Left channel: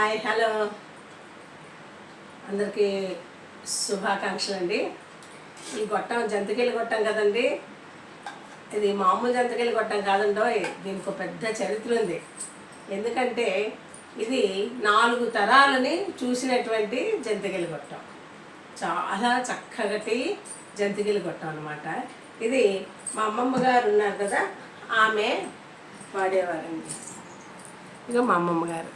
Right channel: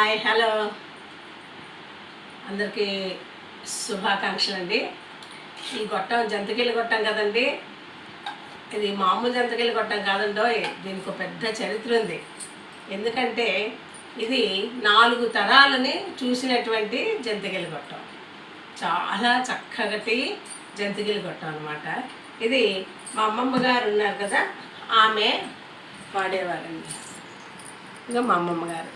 Hi hello. అందరికీ శుభాకాంక్షలు అండి ఈ గొట్టం జంతికలు గొట్టం కదండి? ఇది మామూలు జంతికలు గొట్టం కాదండోయ్ దీనికి ఒక పెద్ద చరిత్ర ఉంది. ఎందుకంటే ఇది నాలుగు తరాలని చూసినటువంటి జంతికలు గొట్టం. చాలా చక్కగటి జంతికలు గొట్టం అనమాట ఇది మా అమ్మమ్మ గారు ఉన్నారు కదా ఆమె వాడేవారండి ఇంకా మా అమ్మమ్మ గారు.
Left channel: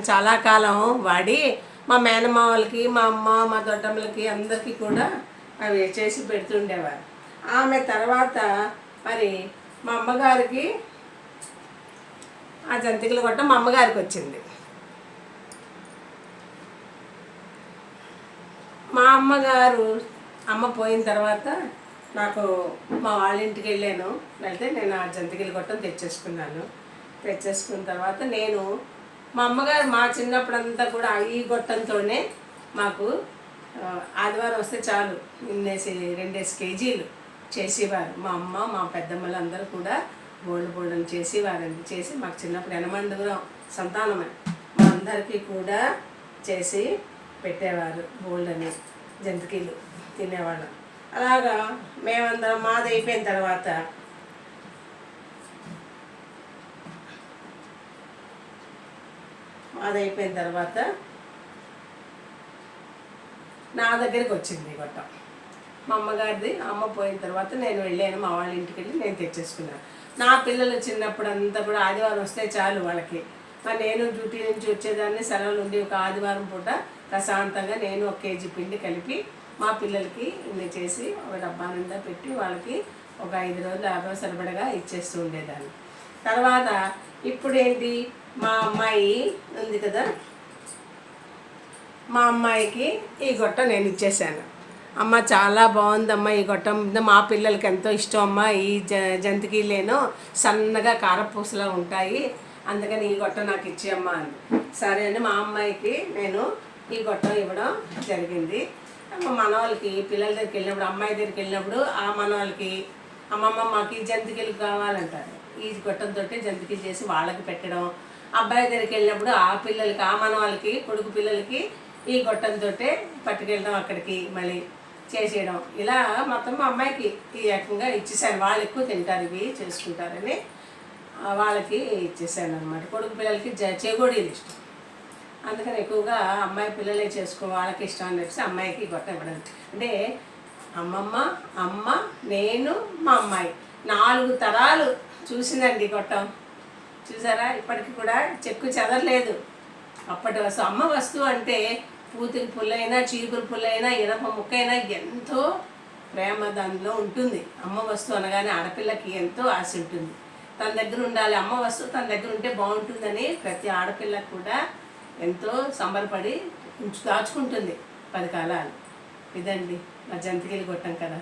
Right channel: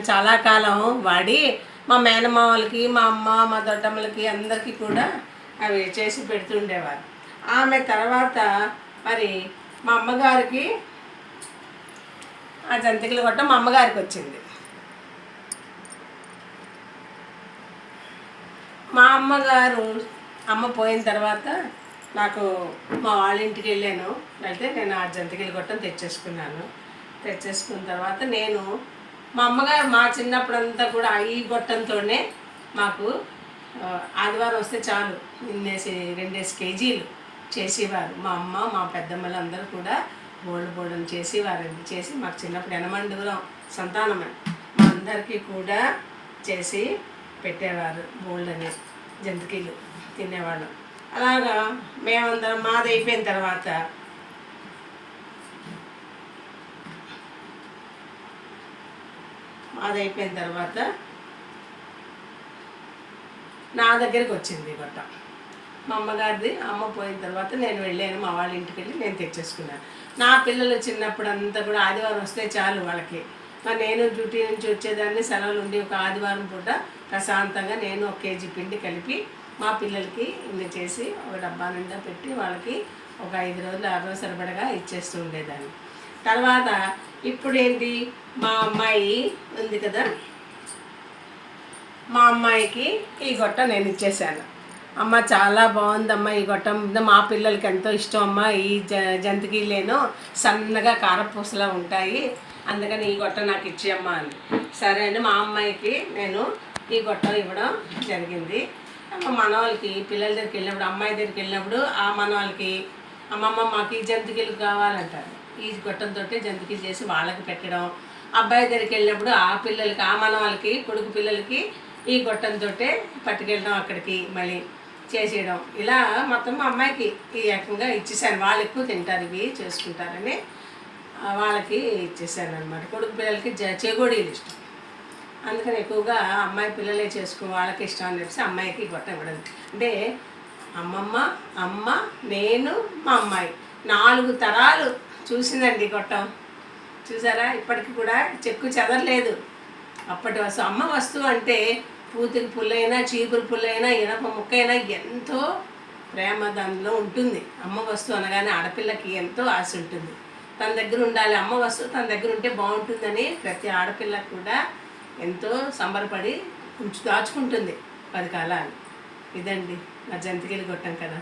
చాలా కాలం వాడి మా మేనమామలకి మా అమ్మ మా దొడ్డమ్మలకి అందరికీ కూడా అవి చేసి పెడుతుండేవారు. ఆమె తర్వాత మరి మా అమ్మగారికి ఆ జంతికలు కొట్ట మా అమ్మగారికి వచ్చింది. మా అమ్మగారు అమ్మ పోయిన తర్వాత నాకు మా వాళ్ళ ఇంటికి వెళ్ళాను. వెళ్తే నేను ఆ జంతికలు కొట్టం తెచ్చేసుకున్నాను. తెచ్చేసుకున్న తర్వాత నేను మా అమ్మగారు మా చిన్నప్పుడు అంతా కూడా ఈ గొట్టంతోనే మాకు ఆదివారం వస్తే చాలు నిన్నేసి రెండేసి కేజీలు చేసేవారు. మా అమ్మ మా పెద్దమ్మలు అందరూ కూడా బోల్డ్ బోల్డ్ చేసేవారండి. చేసి మాకు చిన్నప్పుడు ఎనమండుగురం సంతానమే. మా అందరికీ కూడా చేసి పెట్టేవారు బోల్డ్ అని జంతికీలు తినేవాళ్ళం. అలాగా మేమందరం మాది అయిపోయిన తర్వాత మాది అయిపోయిన తర్వాత నా దగ్గరికి వచ్చింది ఈ గొట్టం. మా అమ్మగారిది అమ్మ పోయిన తర్వాత నేను వెళ్ళాను మా వాళ్ళ ఇంటికి వెళ్ళి నేను తెచ్చేసుకున్నాను నా పిల్లలు చిన్నప్పుడు అంతా కూడా ఆదివారం వస్తే చాలు వాళ్ళకి. మరి నేను డ్యూటీ నుంచి వచ్చేదాన్ని సెలవులు ఉండి ఒక ఆదివారం పూట ప్రశాంతంగా నేను ఒక కేజీ పిండి కలిపి మా పిల్లలకి ఇన్ని చేసి ఒక డబ్బా నిండా పెట్టి వాళ్ళకి ఒక ఐదు రోజులు ఆరు రోజులు సరిపడగా ఇచ్చేస్తూ ఉండేదాన్ని. తర్వాత ఇప్పుడు ఏంటి మా అమ్మాయి ఉంది కదా? మా అమ్మాయికి ఈ గొట్ట నేను ఇచ్చేసాను. అమ్మ చాలా బాగుందమ్మా ఈ గొట్టం. మా పిల్లలకి ఎంతో ఇష్టం అమ్మ. ఈ జ జంతికీలేనో సన్నగా కారపూసలా ఉంటాయి. అందుకని ఈ గొట్ట నాకు ఇచ్చేయమ్మా అని. సరే అని మా అమ్మాయికి నేను ఈ గొట్టం ఇవ్వడం జరిగింది. మనవాళ్ళకి పిల్లల దగ్గరికి వెళ్ళినప్పుడు అమ్మాయి దగ్గరికి వెళ్ళినప్పుడు ఆ మనవాళ్ళకి అమ్మమ్మ మాకు ఈ జంతికలు కావాలంటారు. ఈ గొట్టంతో జంతికలు చేసి వాళ్ళకి పెట్టడం అబ్బాయి దగ్గరికి వెళ్ళినప్పుడు ఆ పిల్లలకి ఆ మనవాళ్ళకి కొడుకు పిల్లలకి ఈ గొట్టంతో పట్టుకెళ్ళడం అక్కడికి మళ్ళీ చేసేయడం. ఇలా మొత్తం మా అమ్మాయికి ఈ రకంగా ఇచ్చేసాను వాళ్ళు ఎక్కువ తింటారు ఇవి చేసుకుంటారని వాళ్ళకి ఇచ్చేసాను అనమాట కొడుకు పిల్లలకి జ చేగోడీలు ఇష్టం. అందుకని ఎక్కువగా అమ్మాయి పిల్లలే చేసుకో వాళ్ళకి ఇష్టం అని చెప్పేసి అమ్మాయికి గొట్ట ఇవ్వడం. అంటే అమ్మమ్మ అమ్మ నేను మా అమ్మాయి. నాలుగు తరాలు చూసిందండి గొట్టం. చూసారా? ఇప్పటికి కూడా చెక్కు చెదరలేదు. అప్పటి వస్తువు అమ్మ వస్తువు అంటే పూతికి పుల్లైనా చీపురు పుల్లైనా ఇనప ముక్కైనా ఎంతో ప్రేమ దానిలో ఉంటుంది. అమ్మ వస్తువు అనగానే ఆడపిల్లకి ఎంతో ఆశ ఉంటుంది. తన దగ్గర ఉండాలి అమ్మ వస్తువు తన దగ్గర ఉంటే బాగుంటుందని ప్రతి ఆడపిల్ల కూడా ఎంతో సంబరపడి ఉంచు దాచుకుంటుంది. పది కాలాలు. ఇదండి. మా జంతికలు కొట్టాం కదా.